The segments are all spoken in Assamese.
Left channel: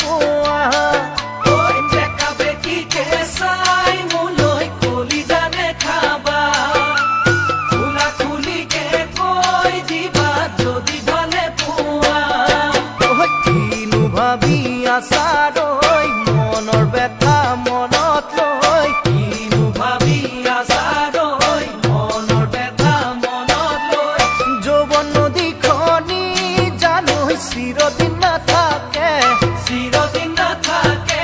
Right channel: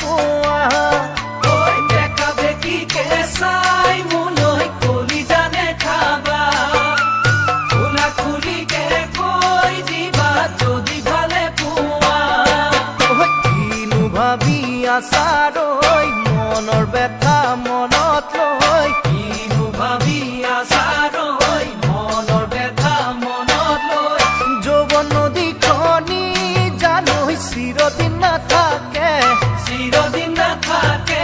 পোৱা দেখা বেকিকে চাই মোলৈ কলি জানে খাবা খোলা খুলিকে কৈ দিবা যদি ভালে পোৱা কিনো ভাবি আছাৰৈ মনৰ ব্যথা মনত লৈ কিনো ভাবি আছাৰৈ মনৰ ব্যথা মনত লৈ যৌৱন নদীখনি জানৈ চিৰদিন নাথাকে চিৰদিন নাথাকে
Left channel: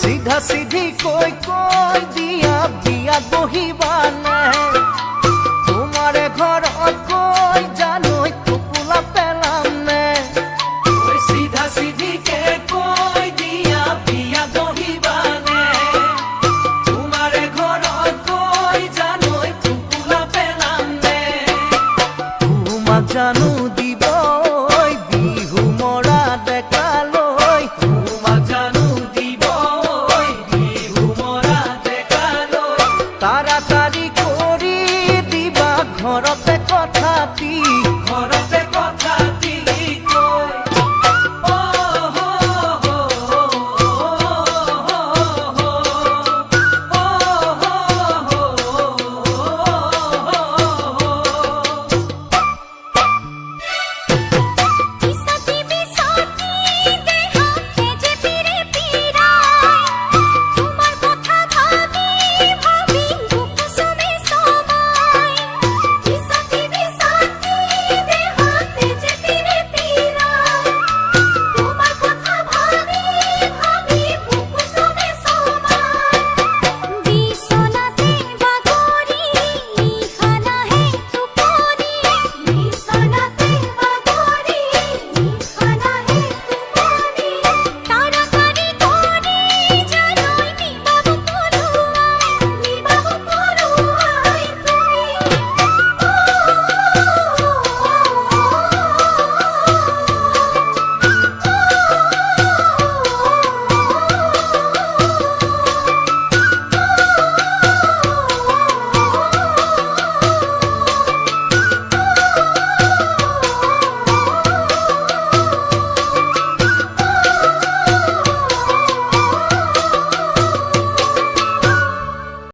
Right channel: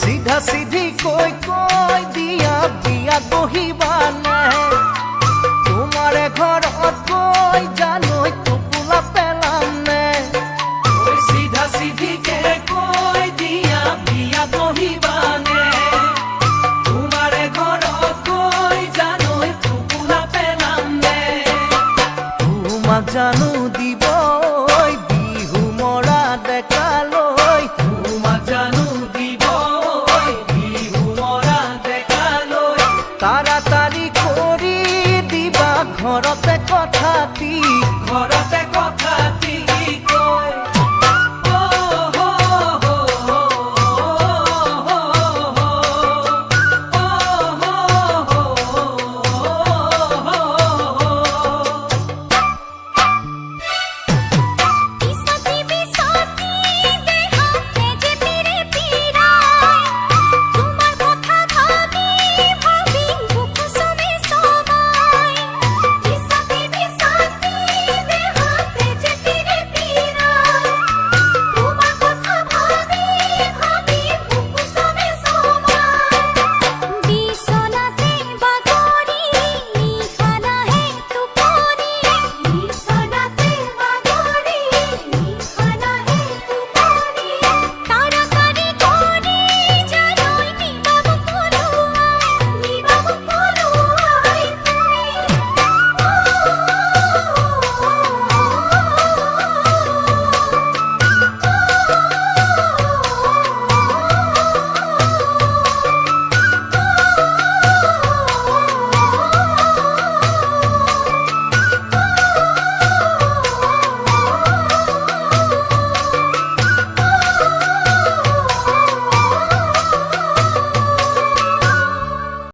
সিধা সিধি কৈ দিয়া বিয়াত বহিবানে তোমাৰে ঘৰত কৈ জানৈ টোপোলা পেলাম নে চিধা চিধিকে কৈ দিয়া বিয়া বহিবানে তোমাৰে ঘৰত কৈ জানৈ টোপোলা পেলাম নে তোমাক জানো দিব বিহু মৰা ডেকালৈ তোমাক জানো দিব বিহু মৰা ডেকালৈ তাড়াতাড়ি কৰি দিবা ঘৰতে কথাটি ঘৰতে কথা